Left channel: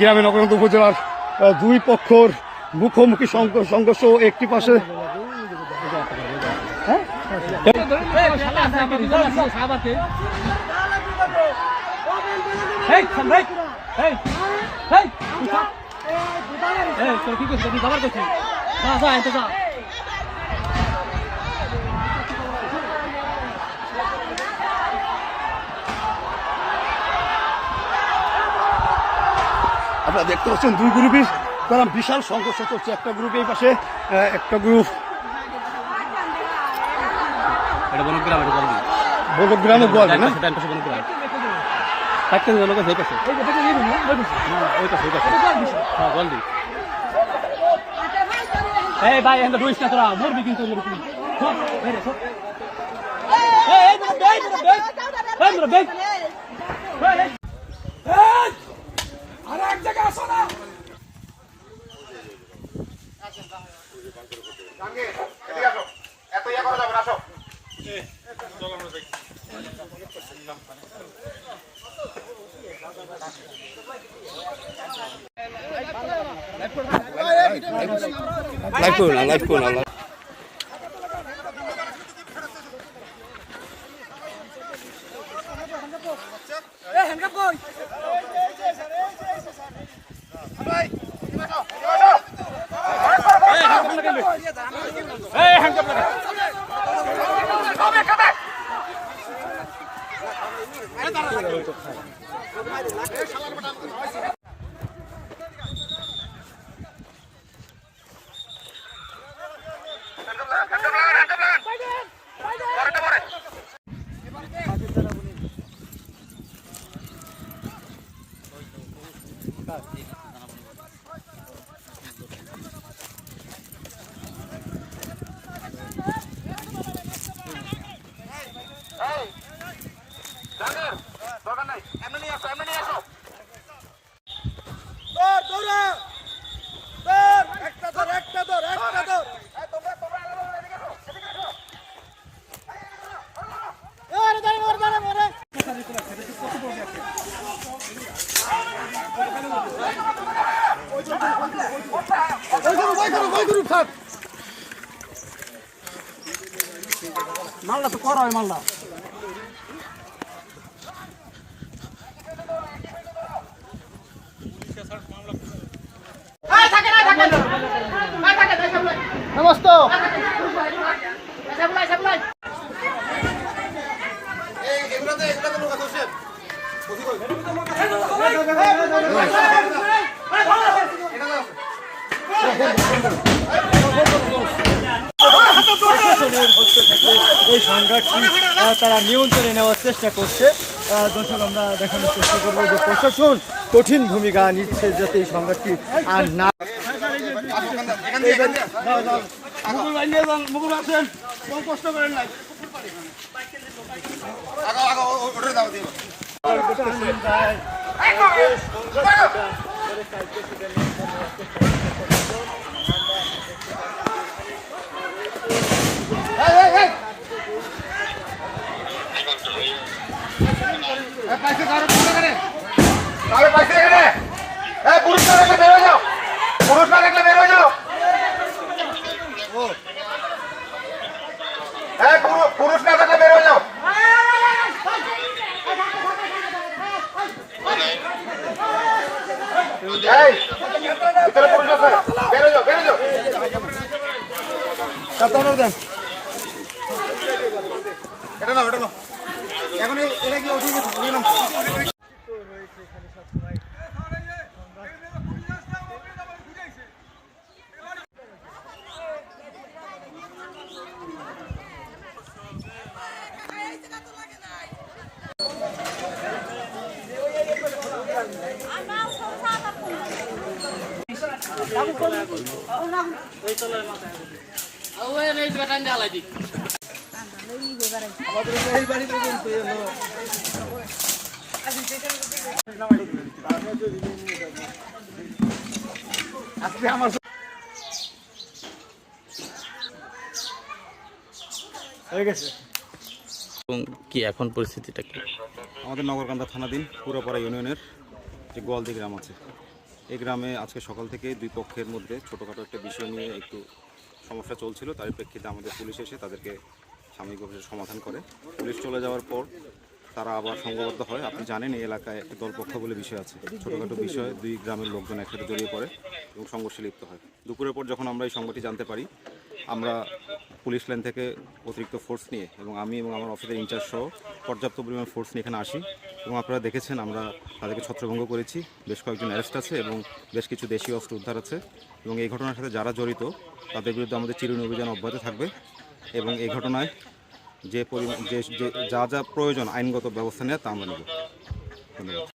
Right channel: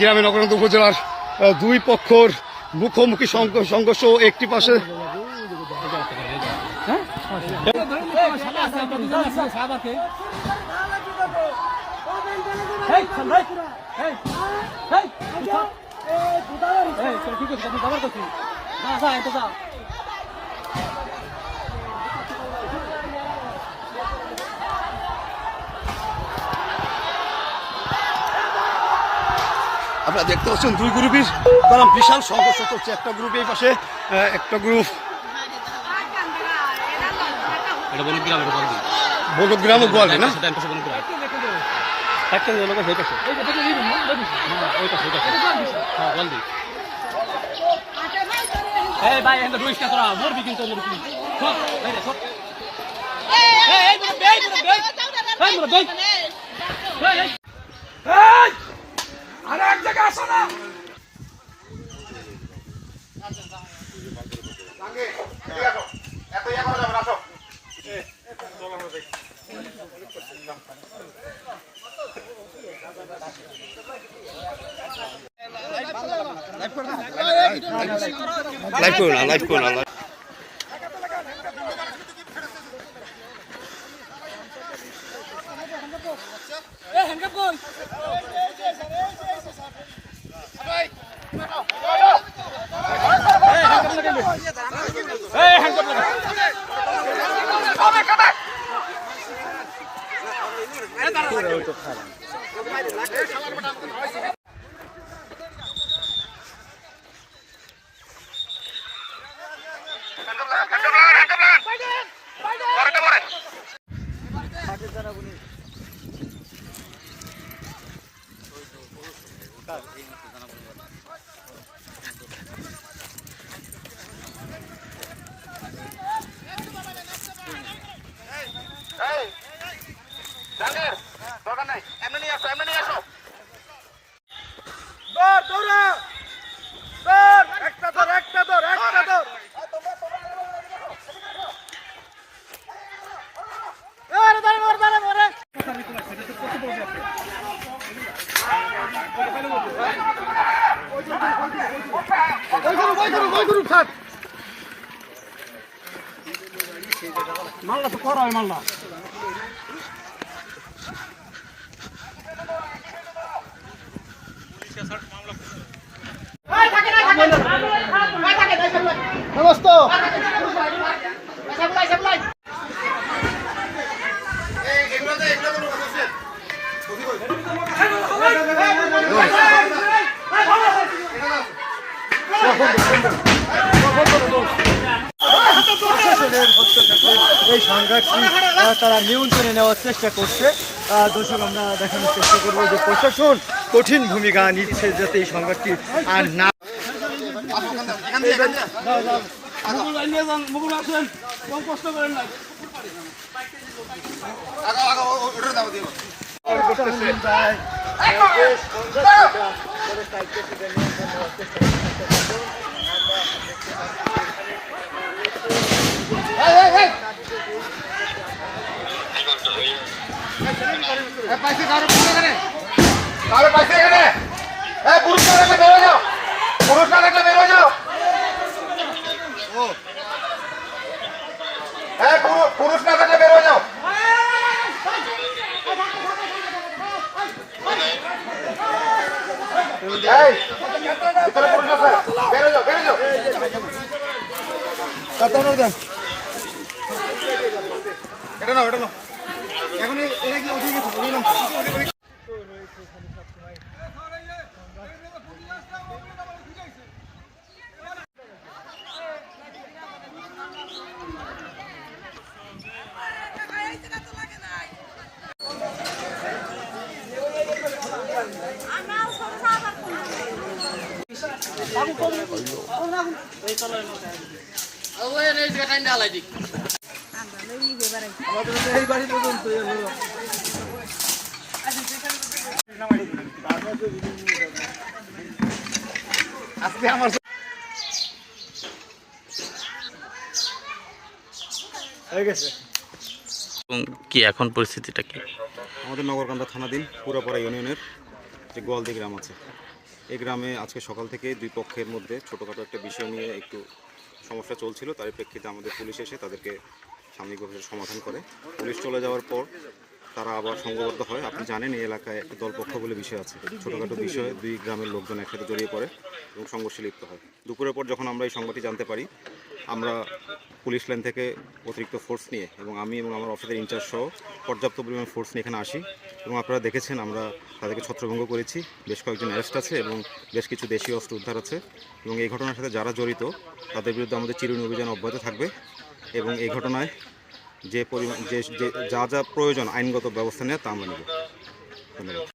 গ্রামে নগরকান্দা উপজেলার দুই পক্ষর মুখোমুখি সংঘর্ষ। একটি পাশে আপনারা দেখতে পাচ্ছেন দুই গ্রুপের তারা বিশাল সংঘর্ষ চলছে। একটা গ্রুপ এই পাশে, একটা গ্রুপ বনগ্রাম গোয়ালি না আর এক জায়গায় আসো না লাইভ করুন না মাল্লা তো করা হয় মাল্লা নমস্ত এই সংঘাতটি তারা নিয়ন্ত্রণে নেওয়ার চেষ্টা করছে। দর্শক আমরা দেখানোর চেষ্টা করবো যে প্রশাসন কঠিন ভূমিকা নিচ্ছে যাতে এই সংঘাতটি আর না। মুকুল আসেন, কম কষ্ট করেন নাই। পুরুষ না দেখলে বেরো যাও, পুরুষ না দেখলে বেরো যাও। পুরুষ না থাকলে বেরো যাও। ভিতরে পুরুষ আছে, বেরো যাও, বেরো যাও। এটা না, ওটা না। এখন এটা কি উঠে গেছে? কি এখন পরিস্থিতিটা কি? আমাদের নগরকান্দা থানাধীন পুরাপাড়া ইউনিয়নের যে গোয়ালদি গ্রাম আছে, এই গ্রামে আজকে সকাল থেকে দুই পক্ষের মধ্যে ছোটোখাটো একটা বিষয় নিয়ে একটু সমস্যা চলছিল, তারই প্রেক্ষিতে আমাদের পুলিশ এসে তাদেরকে সাময়িকভাবে সমাধান করে। পুলিশ চলে যাওয়ার পর তারা আবার সংঘবদ্ধ হয়। আপনি জানেন এই এলাকায় একটা দলপক্ষ বলে বিষয় আছে, ছোটোখাটো বিষয়ে দুই গ্রামের লোকজন একসাথে জড়িয়ে পড়ে এবং সংঘর্ষে লিপ্ত হয়। দুপুরের পর যখন আমরা এই সংবাদটি জানতে পারি, আমরা পুলিশ লাইন থেকে অতিরিক্ত ফোর্স নিয়ে এবং আমি এবং আমার অফিসের ইনচার্জ সহ পর্যাপ্ত পরিমাণ ফোর্স নিয়ে এখানে আসি এবং আপনারা দেখেছেন আমরা তাদেরকে ছত্রভঙ্গ করেছি। বেশ কয়েকজন অ্যারেস্ট আছে এবং বেশ কিছু দেশীয় অস্ত্র উদ্ধার আছে এবং এই ঘটনার সাথে যারা জড়িত তাদের বিরুদ্ধে আমাদের চিরুনি অভিযান অব্যাহত থাকবে এবং এই ঘটনায় যে পরিমাণ যা যা প্রয়োজন আইনগত ব্যবস্থা নেওয়া তা আমরা নেব। ধন্যবাদ।